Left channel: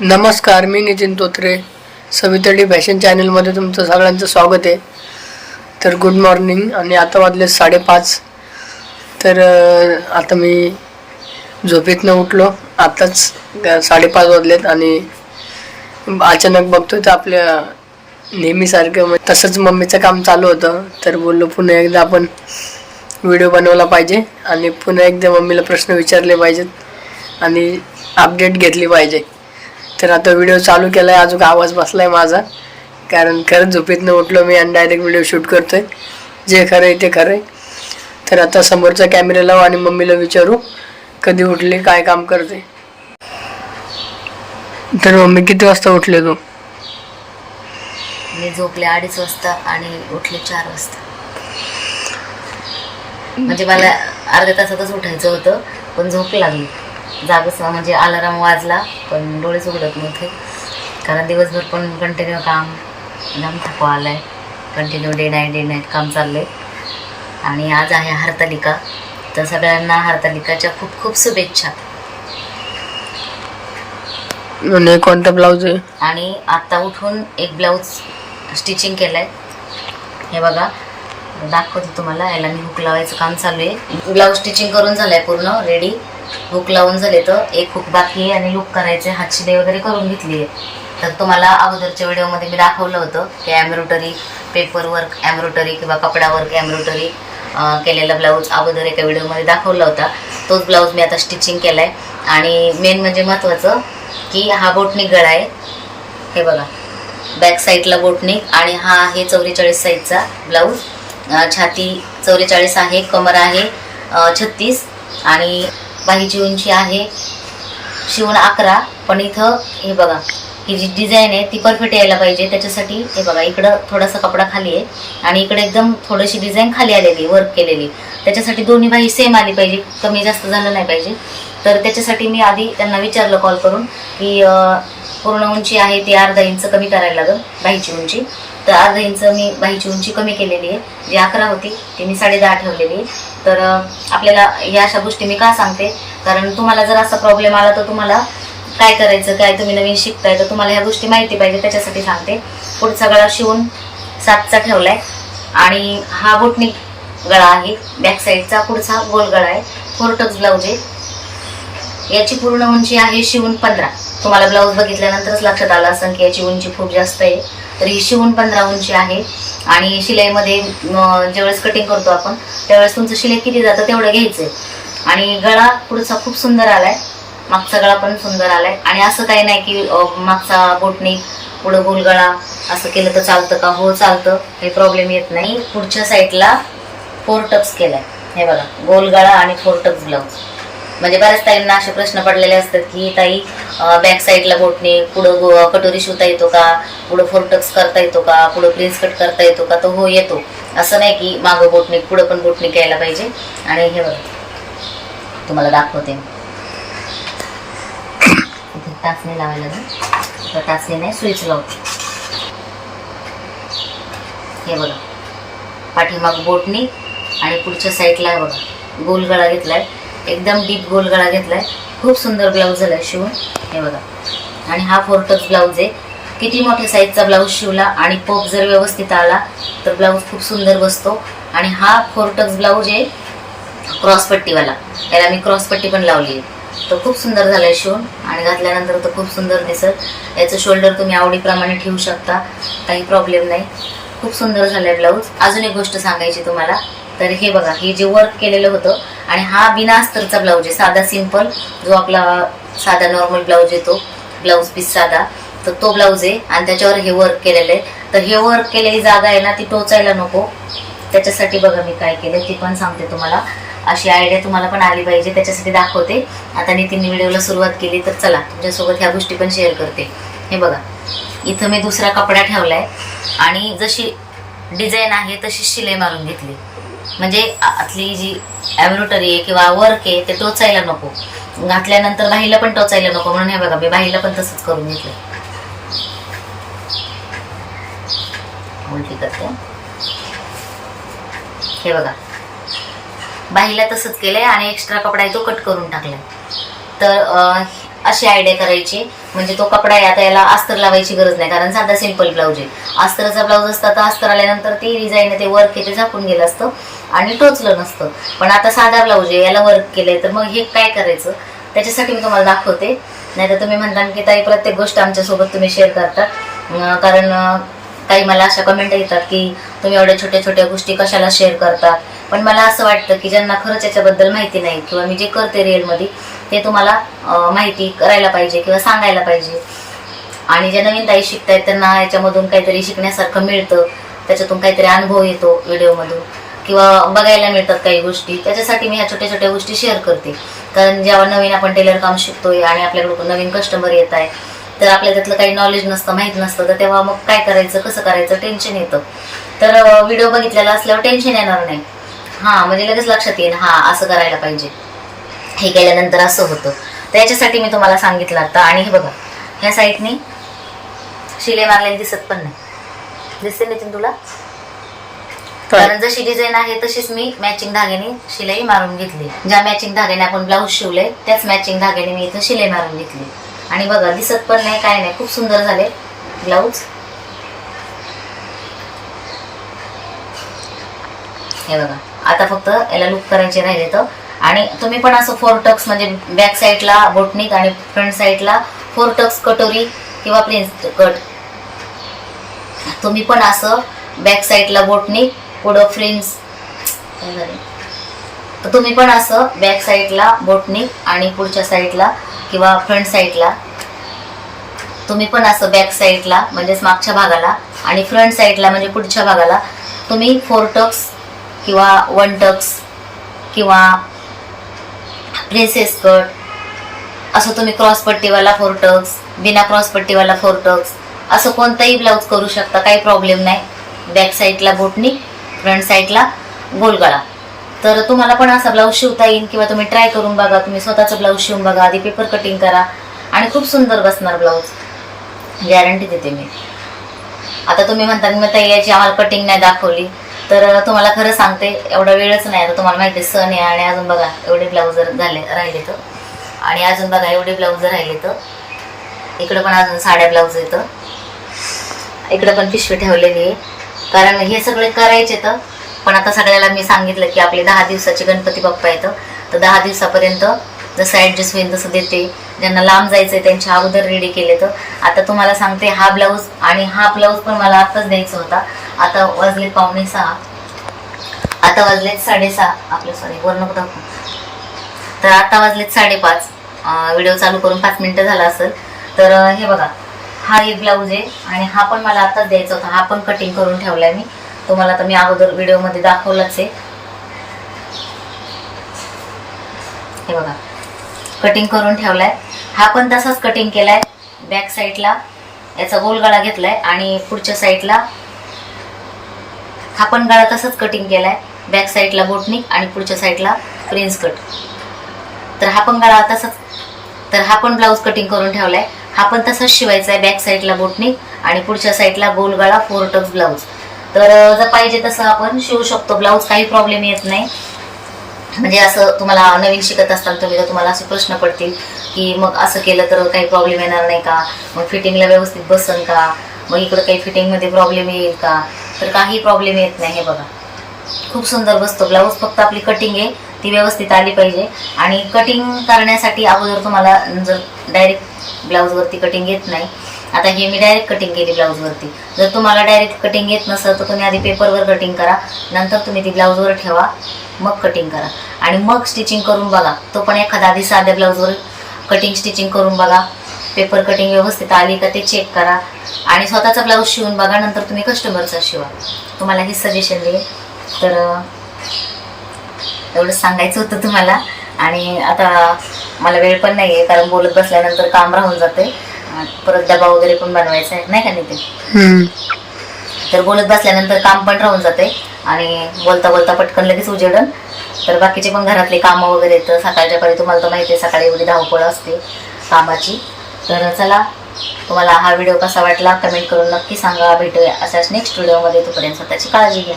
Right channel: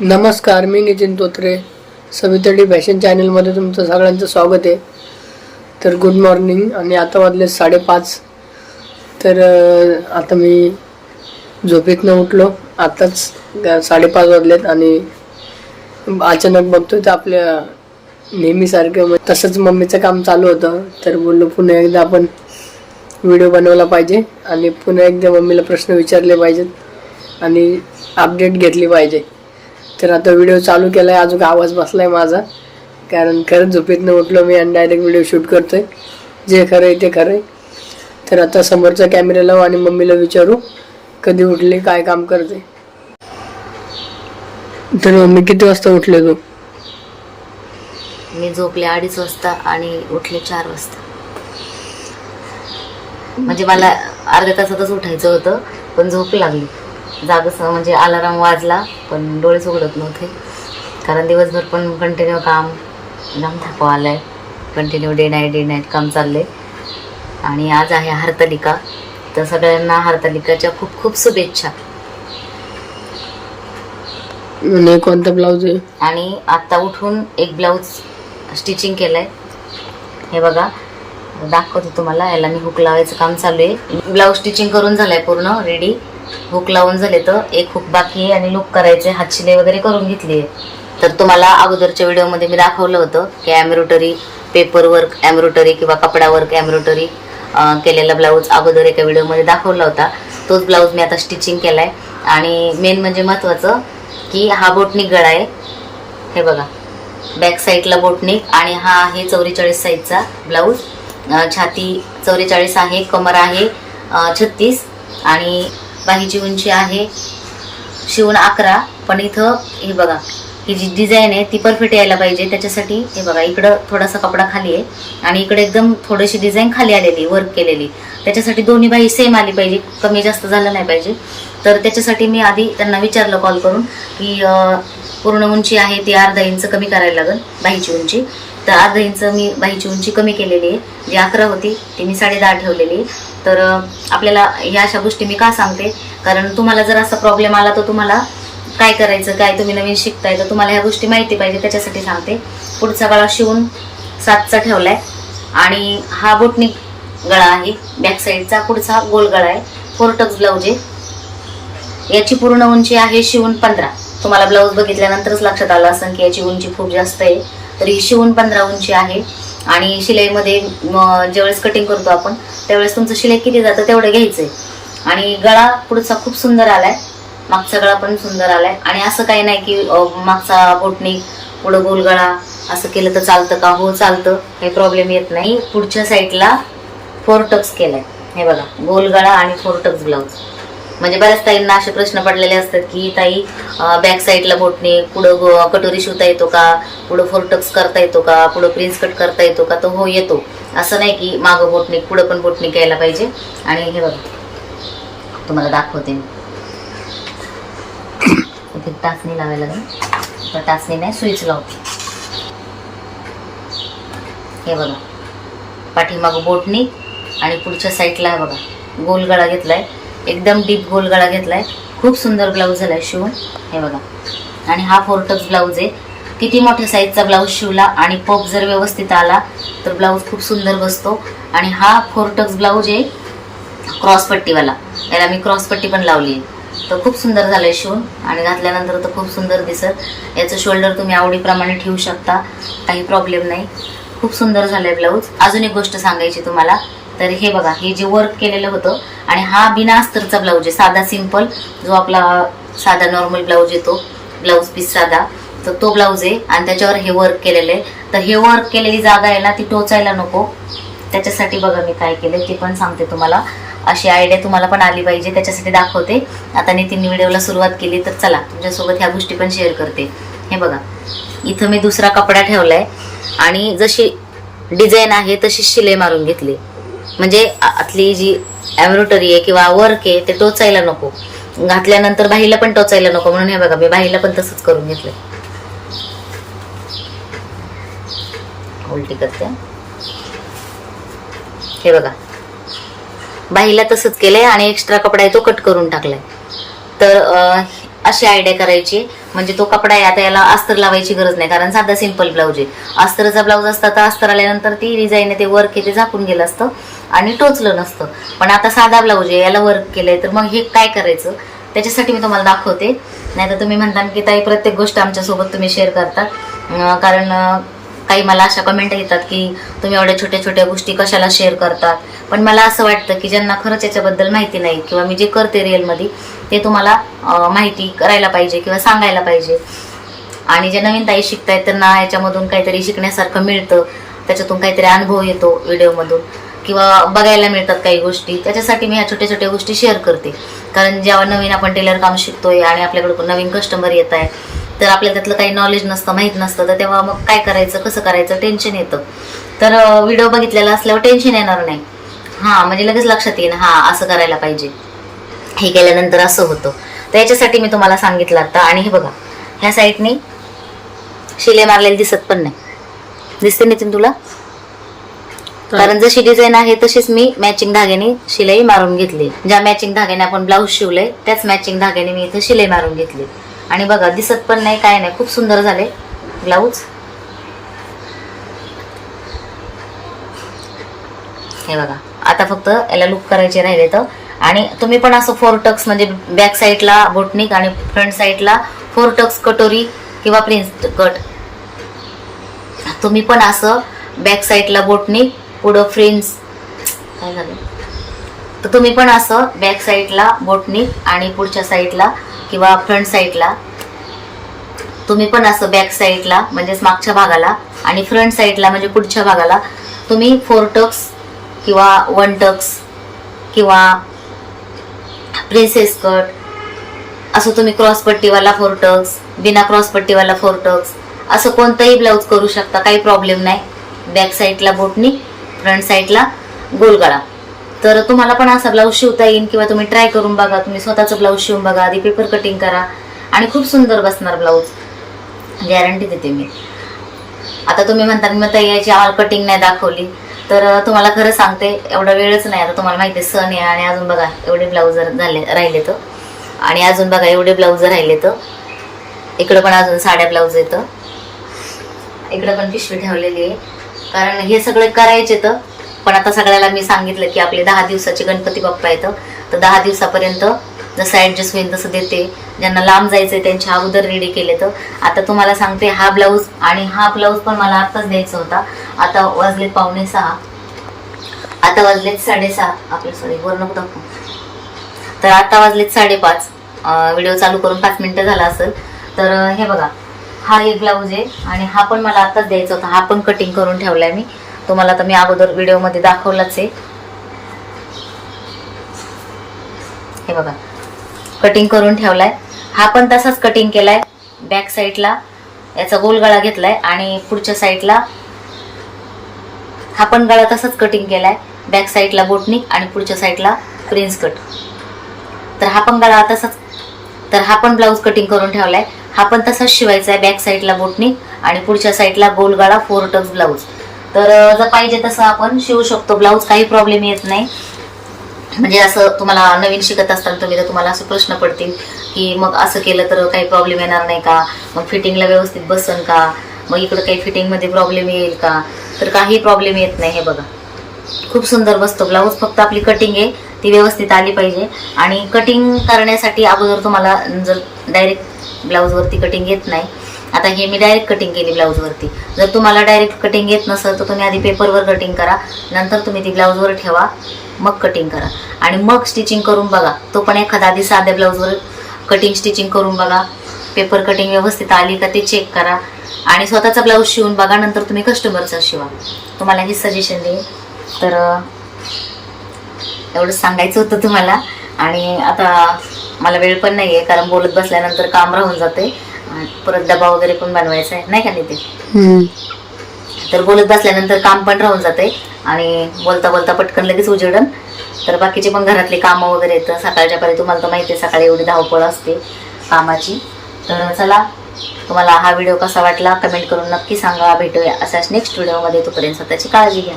नमस्कार मी नितीन तोत्रे. सवितडी फॅशन चॅनलमध्ये तुमचं सगळ्यांचं स्वागत आहे. तर गुड मॉर्निंग आणि आता वाजले साडेपाच. तर आता मी झोपेतनं उठलो. आताच साडेपाच वाजलेत आणि अचानक बघतोय तर आपल्या नेहमीसारखं म्हणजे तसंच मम्मीचं काम चालू होतं. तर बोललो पुन्हा एकदा आपण व्हिडिओ बनवला पाहिजे आणि पुन्हा एकदा मम्मीला प्रश्न विचारले पाहिजेत आणि अपडेट घेतली पाहिजे. तर आता व्हिडिओ चालू केला आहे अजून आवाज बसला आहे माझा. कारण खरंच झोपेतनं उठलो मी आणि डायरेक्ट व्हिडिओ शूट करतोय. जे खरं आहे ते खरं आहे तर आता समोरचा कॅमेरा लावू आणि मम्मीला विचारू कधी उठले काय काम करते. तर मम्मी किती वाजता उठले तू? मी झोपले अडीच वाजता आणि उठले चार वाजता. म्हणजे मला अर्ध्या तासातच उठायचं होतं पण झोप लागली. जागच म्हणजे अलाराम वाजला पण डोळेच उघडत नव्हते. कारण दिवसभर पण कंटिन्यू काम जाम थकवा आलाय. Continue day night day night काम चाललंय. आणि आज आहे हरतालिका. तर सगळ्यांना हरतालिकाच्या खूप खूप शुभेच्छा. कोणता ब्लाऊज आहे? आणि आत्ता उठून एक ब्लाऊज स्टिचिंग केलं आहे हे बघा दाखवतो तुम्हाला. याला मी हुक लावायचं काम चालू आहे. ब्लाऊज स्टिचिंग करून झालंय पूर्ण रेडी हुक लावून झाले तर एक हुक बाकी आहे आणि लुक करायचे हातशिलाई वगैरे करून घेतली आहे. तर तुम्हाला अगोदरच्या व्हिडिओमध्ये मी दाखवलं होतं की ॲम्ब्रोटरी पेपर वर्क किंवा कपडा वर्क केलेला ब्लाऊज अगोदर एका व्हिडिओमध्ये दाखवला होता. तोच ब्लाऊज मी आता स्टिचिंग केला आहे आणि मेन म्हणजे महत्त्वाचं की हा बोटनिक गळा आहे. हे बघा बॅक साईडला बोटनिक आणि हा आहे चौवेचाळीस साईजचा ब्लाऊज. छाती चौवेचाळीस आहे कमर आहे छत्तीस आणि बाहीची उंची आहे. शिवून अकरा पण इथं हे बघा ही जी डिझाईन आहे ती परफेक्ट यायला पाहिजे. त्याच्यासाठी हे बघा इकडं थोडासा कपडा खाली आहे आणि इकडे एकदम थोडीशी डिझाईन खाली आलेली वर्क केलेली. त्याच्यासाठी दोन्ही बाई सेम आली पाहिजे कमी जास्त झालं नाही पाहिजे. तर त्याच्यासाठी मी आधी त्यांना विचारलं कॉल करून की पूर्ण उंची आहे ती अर्धा इंच कमी करायला लागेल बाईची उंची तर अर्धा इंच मी बाहीची उंची कमी केलेली आहे. जी अकरा होती ती मी साडे दहा ठेवलेली तर आपल्याला ह्या अशा गोष्टी मी का सांगते? कारण तुम्हाला जर असा प्रॉब्लेम आला तर तुम्हाला काय करायचं काय तुम्ही नवीन शिकताय तर तुम्हाला ह्या गोष्टी माहिती पाहिजे त्याच्यासाठी सांगते. पुढचा गळा शिवून सातचा ठेवलाय. आणि हा बोटनिक गळा आहे बॅक साईडचा पुढचा गोल गळा आहे. फोर टक्स ब्लाऊज आहे. याची पूर्ण उंची आहे शिवून पंधरा. तुम्हाला ब्लाऊज बघितल्यानंतरच लक्षात आलं असं की याची उंची खूप जास्त आहे. तर ही शिवून पंधरा उंची आहे. आणि शिलाईमध्ये ज्यावेळेस कटिंग करतो आपण त्यावेळेस तुमचं शिलाई किती जातं तेवढं घ्यायचंय. आणि गळा पुढचा खूप सुंदर आलाय. मागचा गळा पण सुंदर आलाय. आणि असं काही नाही की मागचा बोटणी पुढं गोल गळा असं केलं तर चालतं का? हो चालतं. काही प्रॉब्लेम येत नाही. पुढच्या साईडला फोर टक्स केलाय. हे बघा गोल गळा आणि फोर टक्स ब्लाऊज म्हणजे बऱ्याच ताईंना असे प्रश्न पडलेले असतात की ताई बॅक साईडला बोटने पुढं कटोरी शिवता येतो का? पुढं फोरटक्स करता येतो का? पुढं प्रिन्स कट करता येतो का? तर हो येतो. असं नाही की मागं बोटने पुढं पण बोटने घ्यायला पाहिजे. आणि हे बघा तुम्हाला दाखवते मी. इथे टाचणी लावायला लागेल. तर टाचणी नाही स्विच लावते. हे बघा पाठीमागं बोटनी आणि पुढच्या साईडला आहे बघा गोल गळा घेतलाय. एकदम डीप गोल गळा घेतलाय. खूप सुंदर ब्लाऊज झालाय शिवून. हे बघा. आणि हा फोरटक्स ब्लाऊज आहे. किती मोठ्या साईजचा ब्लाऊज शिवला आणि पप जर व्यवस्थित आला तर ब्लाऊज खूप सुंदर बसतो. आणि हा फोरटक्स ब्लाऊज आहे क्रॉसपट्टीवाला याला मी क्रॉसपट्टी पण लावली आहे. तर खूप सुंदर झालंय शिवून. आणि घातल्यानंतर तर खूप सुंदर दिसत. याचं शोल्डर तुम्ही आवडीप्रमाणे ठेवू शकता. काही प्रॉब्लेम नाही. खूप सुंदर झालंय ब्लाऊज अजून एक गोष्ट सांगायची तुम्हाला. तर हे बघा हे जे वर्क केलेलं होतं आणि हा बिना अस्तरचा ब्लाऊज आहे. साधा सिंपल जो आपला साधा नॉर्मल ब्लाऊज येतो ब्लाऊज पीस साधा तर तो ब्लाऊज आहे आणि त्याच्यावर हे वर्क केलेलं आहे. तर हे वर्क केलेली जागा आहे ना ती टोचायला नको. त्याच्यासाठी बघा मी काय केलं ते पण सांगते तुम्हाला. अशी आयडिया तुम्हाला पण आली पाहिजे त्याच्यासाठी दाखवते. आता नितीन व्हिडिओला सुरुवात केली तर चला तुमच्यासोबत ह्या गोष्टी पण शेअर करते. हे बघा इथं मी दुसरा कपडा ठेवलाय आणि जशी डिझाईन आहे तशी शिले मारून घेतली. म्हणजे आतली जी एम्ब्रॉयडरी आहे किंवा वर्क आहे ते टोचायला नको. घातल्यानंतर बाहीला पण टोचायला नको. म्हणून हे बघा मी बाहीला पण तसंच करून घेतलं उलटी करते. हे बघा. बाहीला तसंच केलंय आणि एक्स्ट्रा कपडा आहे तो कट करून टाकलाय. तर अशी आयडिया करायची. म्हणजे तो कपडा आहे आता याला अस्तर लावायची गरज नाही कारण साधा सिंपल ब्लाऊज आहे. अस्तरचा ब्लाऊज असता तर अस्तर आल्यानंतर ती डिझाईन ते वर्क आहे ते झाकून गेलं असतं आणि टोचलं नसतं. पण आता साधा ब्लाऊज आहे याला वर्क केलंय तर मग हे काय करायचं? त्याच्यासाठी मी तुम्हाला दाखवते. नाही तर तुम्ही म्हणता की ताई प्रत्येक गोष्ट आमच्यासोबत तुम्ही शेअर करतात कारण ताई काही मला अशा कमेंट येतात की तुम्ही एवढ्या छोट्या छोट्या गोष्टी कशाला शेअर करता? पण मला असं वाटतं की ज्यांना खरंच याच्याबद्दल माहिती नाही किंवा मी जे करते रिअलमध्ये ते तुम्हाला माहिती करायला पाहिजे किंवा सांगायला पाहिजे. आणि जे नवीन ताई शिकतायत त्यांना याच्यामधून काहीतरी शिकण्यासारखं मिळतं. त्याच्यातून काहीतरी अनुभव येतो व्हिडिओमधून. किंवा बघायला मिळतात काही गोष्टी. त्याच्यासाठी मी ह्या छोट्या छोट्या गोष्टी शेअर करते. कारण जेव्हा नवीन आपण टेलर काम शिकतोय आणि आपल्याकडे नवीन कस्टमर येत आहे तर आपल्याला त्यातलं काही नॉलेज नसतं माहीत नसतं. तर तेव्हा मग काय करायचं कसं करायचं टेन्शन येतं. तर व्हिडिओ बघितलेला असल्यावर टेन्शन येणार नाही. हां म्हणजे लगेच लक्षात येईल हां असं करायला पाहिजे. हे केल्यानंतर असं होतं. तर याच्यासाठी मी तुम्हाला सांगितलं आता. आणि हे बघा ह्या साईडनी शिले मारलेली दिसत पण नाही. दिसते नितीन तुला? कारण जशी डिझाईन आहे तशीच मी मॅचिंग धाग्याने शिलाई मारून घेतली. ज्या मॅचिंग धाग्याने आपण ब्लाऊज शिवले त्याच मॅचिंग धाग्याने मी इथं शिलाई मारून घेतली. आणि बघा दिसत पण नाही काय नाही. खूप सुंदर झाले ब्लाऊज हे बघा आता फक्त याला लुक करायचे राहिले तर आणि तुम्ही पण असं फोर टक्स म्हणजे बॅक साईडला बोटनिक आणि फ्रंट साईडला फोर टक्स कटोरी किंवा प्रिन्स कट तुम्ही पण असं बॅक साईडला बोटनिक पुढं फ्रिन्स काय झालं? तर तुम्ही पण असं बॅक साईडला बोटनिक आणि पुढच्या साईडला किंवा फ्रंट साईडला तुम्ही पण असं बॅक साईडला म्हणजेच मागच्या भागाला आणि फ्रंट साईडला म्हणजे पुढच्या भागाला तुम्ही फोर टक्स किंवा वन टक्स किंवा प्रिन्सेस कट. असं तुम्ही क्रॉसपट्टीवाला फोर टक्स बिना क्रॉसपट्टीवाला फोर टक्स असं कोणताही ब्लाऊज करू शकता काही प्रॉब्लेम नाही. बॅक साईडला बोटनी फ्रंट साईडला गोलगळा. तर तुम्हाला पण असा ब्लाऊज शिवता येईल किंवा तुम्ही ट्राय करून बघा तुम्ही स्वतःचं ब्लाऊज शिवून बघा आधी पेपर कटिंग करा आणि खूप सुंदर बसणार ब्लाऊज गॅरंटी देते मी. आता तुम्ही म्हणता मग ताई याची आम्हाला कटिंग नाही दाखवली. तर तुम्हाला खरं सांगते एवढा वेळच नाही आता तुम्हाला माहिती आहे सण आहे आणि अजून बघा एवढे ब्लाऊज झाले राहिले तर. आणि अजून बघा एवढे ब्लाऊज राहिले तर. इकडं पण अजून साड्या ब्लाऊज येतं इकडं पण पिशवी ठेवलेली आहे. कारण हे सगळे करायचे तर पण आता सगळ्याला मी सांगितलं की आपले दहा दिवसाचे गणपती बाप्पा येतं तर दहा दिवसापर्यंत जसं ॲडजस्ट होईल तसं देते. ज्यांना लांब जायचंय त्यांच्या अगोदर रेडी केले तर. आता तुम्हाला सांगते हा ब्लाऊज आणि हा ब्लाऊज पण मला आताच द्यायचा होता. आता वाजलेत पावणे सहा. आता वाजलेत साडेसहा. आपले सॉरी वर नको दाखवू? तर आता वाजलेत साडेपाच. व्हिडिओ चालू करून पाच मिनटं झाला असेल. तर हे बघा. हा एक ब्लाऊज आहे आणि हा पण मला आत्ताच द्यायचा होता. हा पण कटिंग करून ठेवलाय मी. तुम्हाला तर मी अगोदर व्हिडिओमध्ये दाखवलाच आहे. हे बघा. कटिंग करून ठेवलाय. हा पण तसाच कटिंग केलाय. बॅक साईडला याचा गोलगळा घेतला घेतलाय आणि पुढच्या साईडला हा पण गळा तसंच कटिंग केलाय. बॅक साईडला बोटनिक आणि पुढच्या साईडला प्रिन्स कट तर हा पण गळा तसाच. तर हा पण ब्लाऊज कटिंग करून ठेवलाय. हा पण तसाच शिवायचा आहे बॅक साईडला बोटनिक आणि पुढच्या साईडला गोल गळा फोर टक्स ब्लाऊज तर जर पाहिजे तसं आपण शिवू शकतो. ब्लाऊज काही प्रॉब्लेम येत नाही. म्हणजे असं तुम्हाला नवीन शिकत असताना तुम्ही तर तुम्हाला असे प्रश्न पडतील की मग असं केलं तर काही प्रॉब्लेम येणार नाही का? मग फिटिंगला व्यवस्थित बसन का? मग इकडं काही फिटिंगमध्ये प्रॉब्लेम येईल का? तर काही प्रॉब्लेम येत नाही हे बघा. खूप सुंदर बसतो ब्लाऊज फक्त आपली कटिंग आहे ती व्यवस्थित आली पाहिजे. आणि कटिंग करण्यासाठी अगोदर तुम्हाला जर डायरेक्ट ब्लाऊजवरती कटिंग येत नाही आता हे मी डायरेक्ट कटिंग केली ब्लाऊजवरती जर तुम्हाला डायरेक्ट कटिंग येत नसेल तर तुम्ही आधी पेपरवर कटिंग करा. नंतर तुम्ही ती ब्लाऊजवर ठेवा. मग कटिंग करा. आणि मग स्टिचिंग करून बघा. तो पण एखादा आधी साध्या ब्लाऊजवर कटिंग स्टिचिंग करून बघा. पेपर कटिंग व्यवस्थित आली का ते चेक करा. आणि स्वतःचा ब्लाऊज शिवून बघा नंतर तुम्ही कस्टमरचा शिवा. तुम्हाला हे सजेशन देईल तर एवढंच सांगायचं होतं तुम्हाला. आणि आता मला वेळ पण नाही आहे कारण बोलत बसल्यानंतर काम राहून जाते. परत डबा वगैरे पण बनवायचा आहे. नाही का नितीन. तर बोलत बसल्यानंतर काम पण राहून जाते. आणि बोलता बोलता पटकन लगेच उजेडन. तर बाकीचे पण घरातले कामं वगैरे येतं. सकाळच्या परी तुम्हाला तर माहिती आहे सकाळी एवढी धावपळ असते कामाची. तर चला तुम्हाला हा व्हिडिओ कसा वाटला कमेंट करून नक्की सांगा. भेटूया असाच नेक्स्ट व्हिडिओमध्ये तोपर्यंत स्वतःची काळजी घ्या.